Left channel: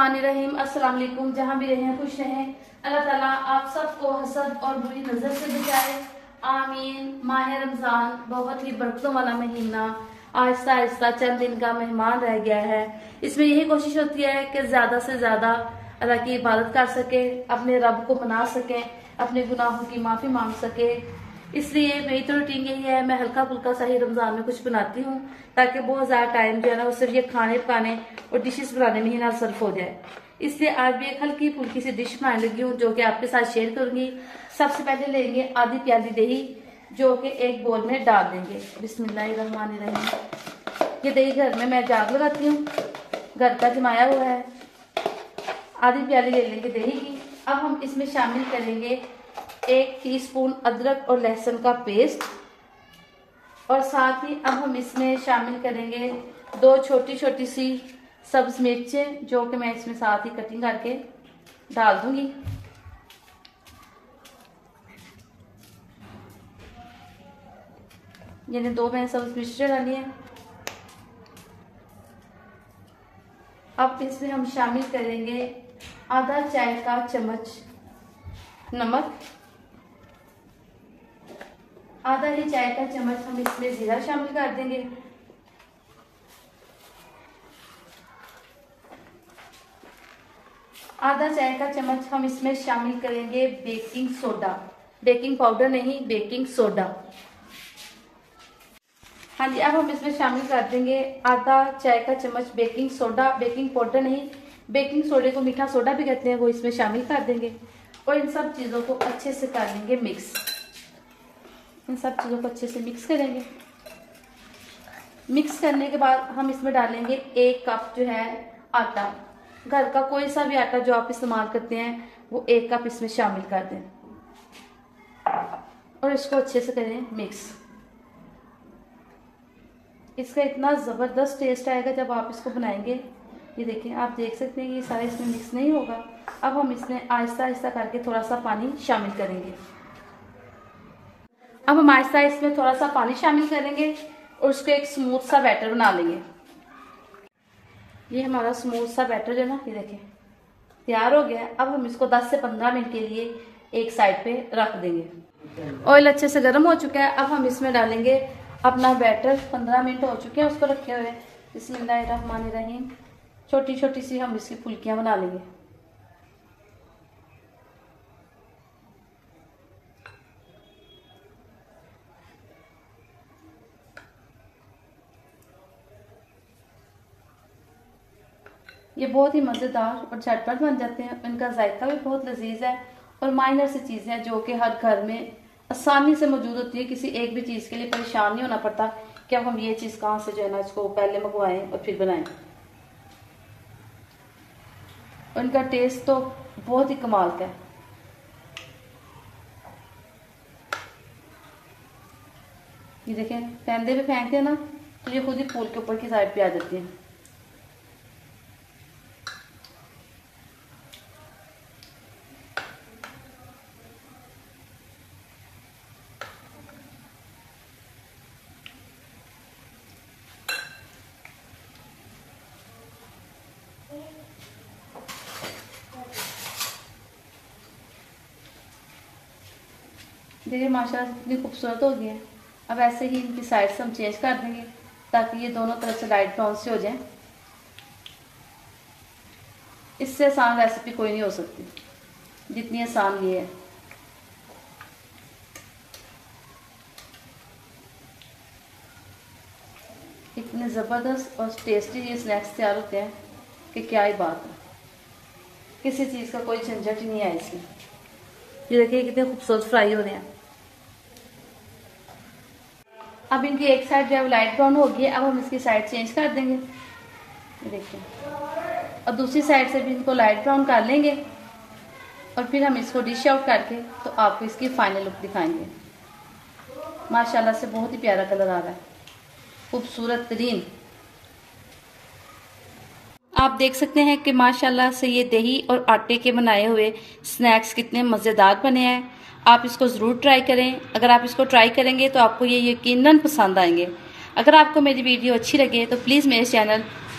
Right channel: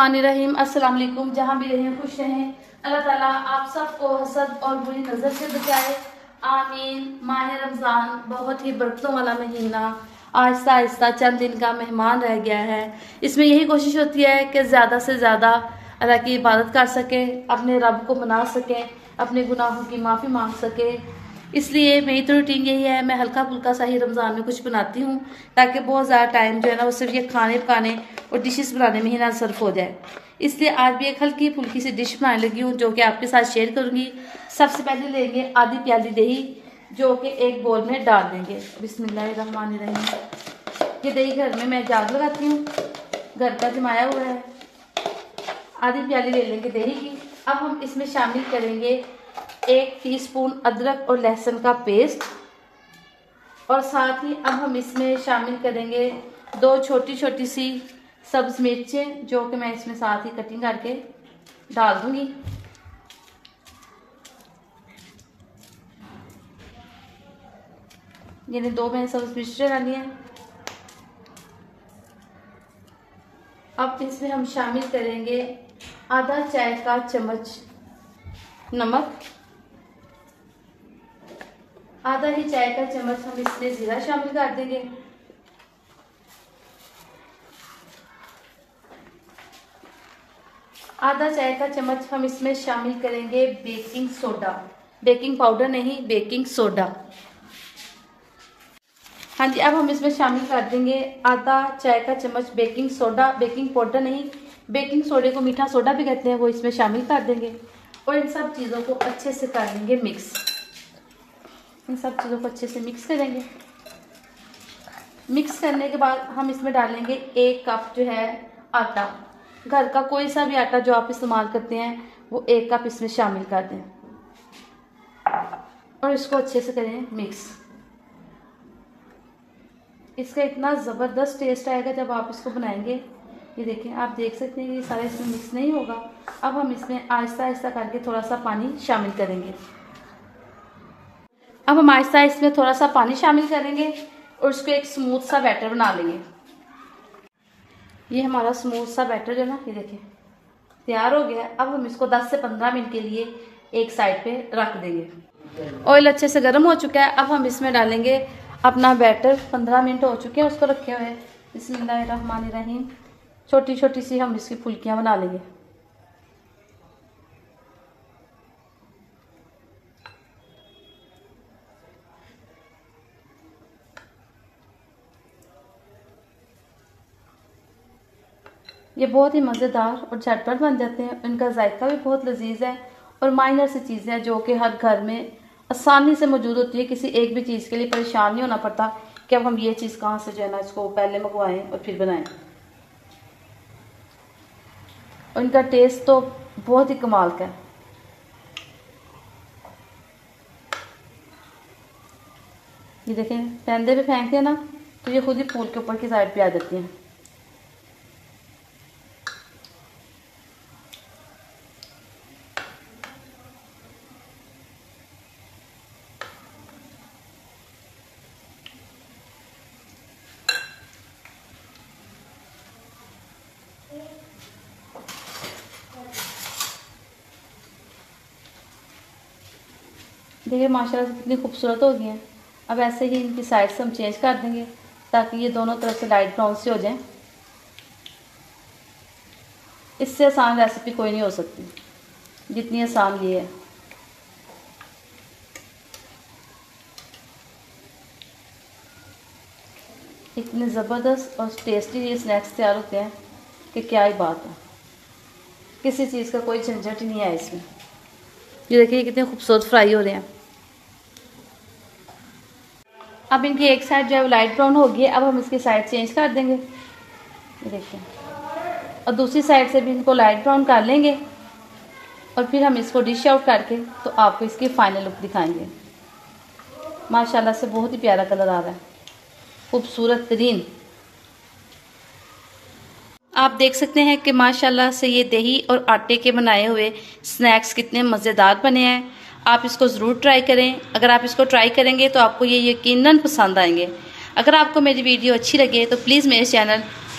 बिस्मिल्लाहिर्रहमानिर्रहीम। अस्सलाम वालेकुम। जहाँ भी रहें खुश रहें। अल्लाह ताला आप सबको हसद और बुरी नजर से बचाए, आमीन। माह रमजान बहुत ही बरकतों वाला महीना आहिस्ता आहिस्ता चंद दिन का मेहमान रह गया है। इसमें यही कोशिश होती है कि ज्यादा से ज्यादा अल्लाह की इबादत कर सके, अपने रब को मना सके, अपने गुनाहों की माफी मांग सके। इसलिए मेरी तो रूटीन यही है, मैं हल्का फुल्का सा ही रमजान में कुछ बनाती हूँ ताकि बहुत ज़्यादा टाइम जो है ना वो सिर्फ ये खाने पकाने और डिशेस बनाने में ही ना सर्फ हो जाए। इसलिए आज भी एक हल्की फुल्की सी डिश बनाने लगी हूँ जो कि आपके साथ शेयर करूंगी। सबसे पहले लेंगे आधी प्याली दही जो कि एक बोल में डाल देंगे। बिस्मिल्लाहिर्रहमानिर्रहीम। ये दही घर में मैं जाग लगाती हूँ, घर का जमाया हुआ है। आधी प्याली ले लेंगे दही की। अब हम इसमें शामिल करेंगे 1 टीस्पून अदरक और लहसुन का पेस्ट, और साथ ही अब हम इसमें शामिल करेंगे 2 छोटी छोटी सी सब्ज मिर्चें जो कि मैं इसमें साथ ही कटिंग करके डाल दूंगी। यानी 2 मैंने सब्ज मिर्चें डाली हैं। अब इसमें हम शामिल करेंगे आधा चाय का चम्मच नमक, आधा ही चाय का चम्मच हम इसमें जीरा शामिल कर देंगे। आधा चाय का चम्मच हम इसमें शामिल करेंगे बेकिंग सोडा, बेकिंग पाउडर नहीं, बेकिंग सोडा। हाँ जी, अब हम इसमें शामिल कर देंगे आधा चाय का चम्मच बेकिंग सोडा, बेकिंग पाउडर नहीं, बेकिंग सोडे को मीठा सोडा भी कहते हैं, वो इसमें शामिल कर देंगे। और इन सब चीजों को अच्छे से कर लेंगे मिक्स। इन सब चीजों को अच्छे से मिक्स करेंगे। मिक्स करने के बाद हम इसमें डालेंगे 1 कप जो है आटा। घर का कोई सा भी आटा जो आप इस्तेमाल करते हैं वो 1 कप इसमें शामिल कर दें और इसको अच्छे से करें मिक्स। इसका इतना जबरदस्त टेस्ट आएगा जब आप इसको बनाएंगे। ये देखें, आप देख सकते हैं कि ये सारा इसमें मिक्स नहीं होगा। अब हम इसमें आहिस्ता आहिस्ता करके थोड़ा सा पानी शामिल करेंगे। अब हम आहिस्ता इसमें थोड़ा सा पानी शामिल करेंगे और उसको एक स्मूथ सा बैटर बना लेंगे। ये हमारा स्मूथ सा बैटर जो है ना, ये देखें तैयार हो गया है। अब हम इसको 10 से 15 मिनट के लिए एक साइड पे रख देंगे। ऑयल अच्छे से गर्म हो चुका है। अब हम इसमें डालेंगे अपना बैटर। 15 मिनट हो चुके हैं उसको रखे हुए। बिस्मिल्लाहिर्रहमानिर्रहीम। छोटी छोटी सी हम इसकी फुल्कियां बना लेंगे। ये बहुत ही मज़ेदार और झटपट बन जाते हैं। इनका जायका भी बहुत लजीज है और माइनर सी चीज़ें हैं जो कि हर घर में आसानी से मौजूद होती है। किसी एक भी चीज़ के लिए परेशान नहीं होना पड़ता कि अब हम ये चीज़ कहाँ से जो है ना इसको पहले मंगवाएं और फिर बनाएं। और इनका टेस्ट तो बहुत ही कमाल का है। ये देखें, पैंदे पे फेंकते हैं ना तो ये खुद ही फूल के ऊपर की साइड पे आ जाती हैं। देखिए माशाल्लाह से कितनी खूबसूरत हो गई है। अब ऐसे ही इनकी साइड से हम चेंज कर देंगे ताकि ये दोनों तरफ से लाइट ब्राउन से हो जाए। इससे आसान रेसिपी कोई नहीं हो सकती जितनी आसान ये है। इतने ज़बरदस्त और टेस्टी ये स्नैक्स तैयार होते हैं कि क्या ही बात है। किसी चीज़ का कोई झंझट नहीं है इसमें। ये देखिए कितने खूबसूरत फ्राई हो रहे हैं। अब इनकी एक साइड जो है वो लाइट ब्राउन हो गई है। अब हम इसकी साइड चेंज कर देंगे। ये देखिए, और दूसरी साइड से भी इनको लाइट ब्राउन कर लेंगे और फिर हम इसको डिश आउट करके तो आपको इसकी फाइनल लुक दिखाएंगे। माशाल्लाह से बहुत ही प्यारा कलर आ रहा है, खूबसूरत तरीन। आप देख सकते हैं कि माशाल्लाह से ये दही और आटे के बनाए हुए स्नैक्स कितने मज़ेदार बने हैं। आप इसको ज़रूर ट्राई करें। अगर आप इसको ट्राई करेंगे तो आपको ये यकीनन पसंद आएंगे। अगर आपको मेरी वीडियो अच्छी लगे तो प्लीज़ मेरे चैनल